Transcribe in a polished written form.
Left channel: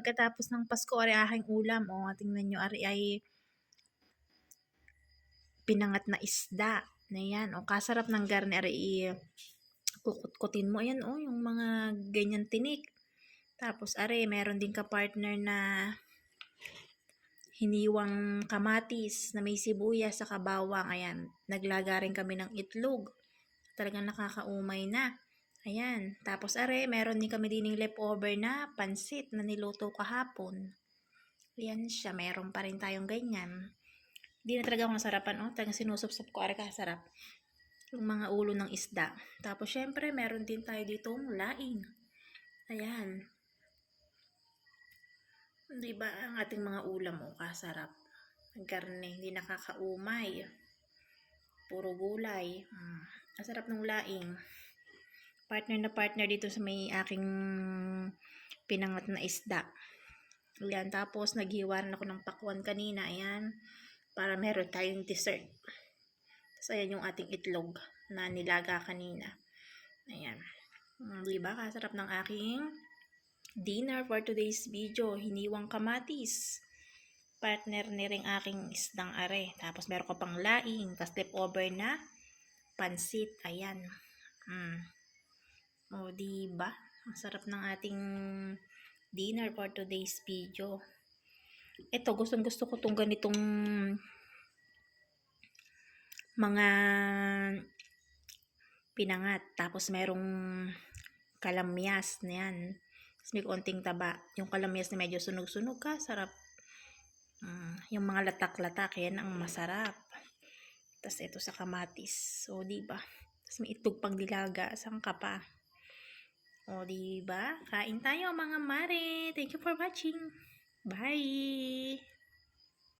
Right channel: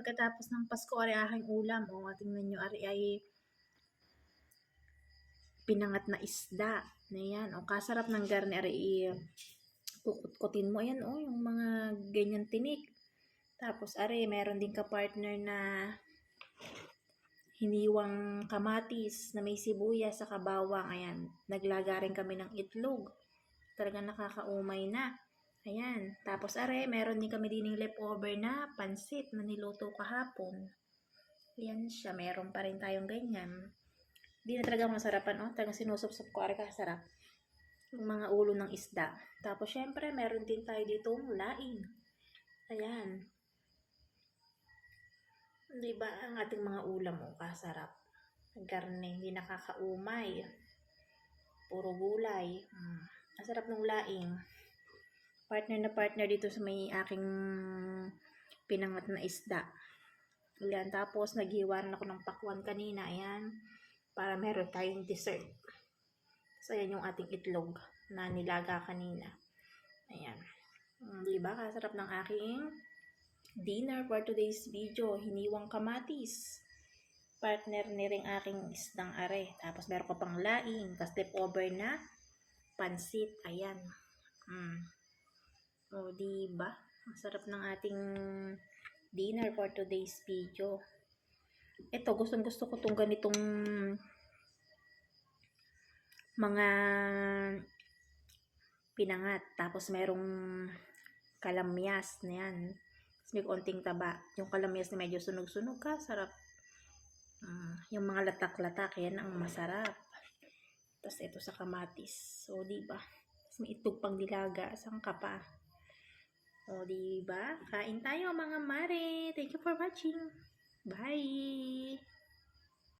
pagkatapos ng Pasko ari aking ulam. O, tingnan nyo, ari ay pinangat na isda. Na yan. O, kasarap ng garne ari kukut-kutin mo. Ayan, o, yung mga ganyan tinik. Tapos, ari, meron din ka-partner na hiniwang kamatis na may sibuyas sa kabawang. Ayan, naglaga rin kami ng itlog. Talagang nakakaumay na. Ayan, tapos are, meron din kami dining leftover na pansit na niluto kahapon. Ayan siya, meron pa rin tayong ganyan. Hindi na talaga masarapan, oh. Talagang sinusupsop ko, are kasarap. Yung mga ulo ng isda. Tapos syempre, meron din tayo ditong laing. Ayan. Diba ang ating mga ulam, oh, kasarap. Karne, hindi nakakaumay. Puro gulay. Ang sarap ng laing. Partner na partner dito sa may aking pinangat na isda. Ayan, tapos naghiwaran ako ng pakwan kanina. Ayan, para meron tayong dessert. Tapos ayan yung ating itlog na nilaga kanina. Ayan. Diba? Kasarap ng aking dinner for today's video. Hiniwang kamatis. Partner ni ring aking isdang are. Tapos meron ko pang laing. Tapos leftover na pansit. Ayan. O, diba? Ang sarap ng ating dinner for today's video. Ito, gustong-gusto ko itong ganitong mga pinangat. Tapos merong kalamyas na yan. Tapos may konting taba. Yung kalamyas na medyo sunog-sunog ka, sarap. Yung mga latak-latak, yan ang masarap. Tapos ito sa kamatis. So, diba? Tapos may itlog pang dilaga. Saan ka pa? O, diba? Kain tayo mga mare. Thank you for watching. Bye!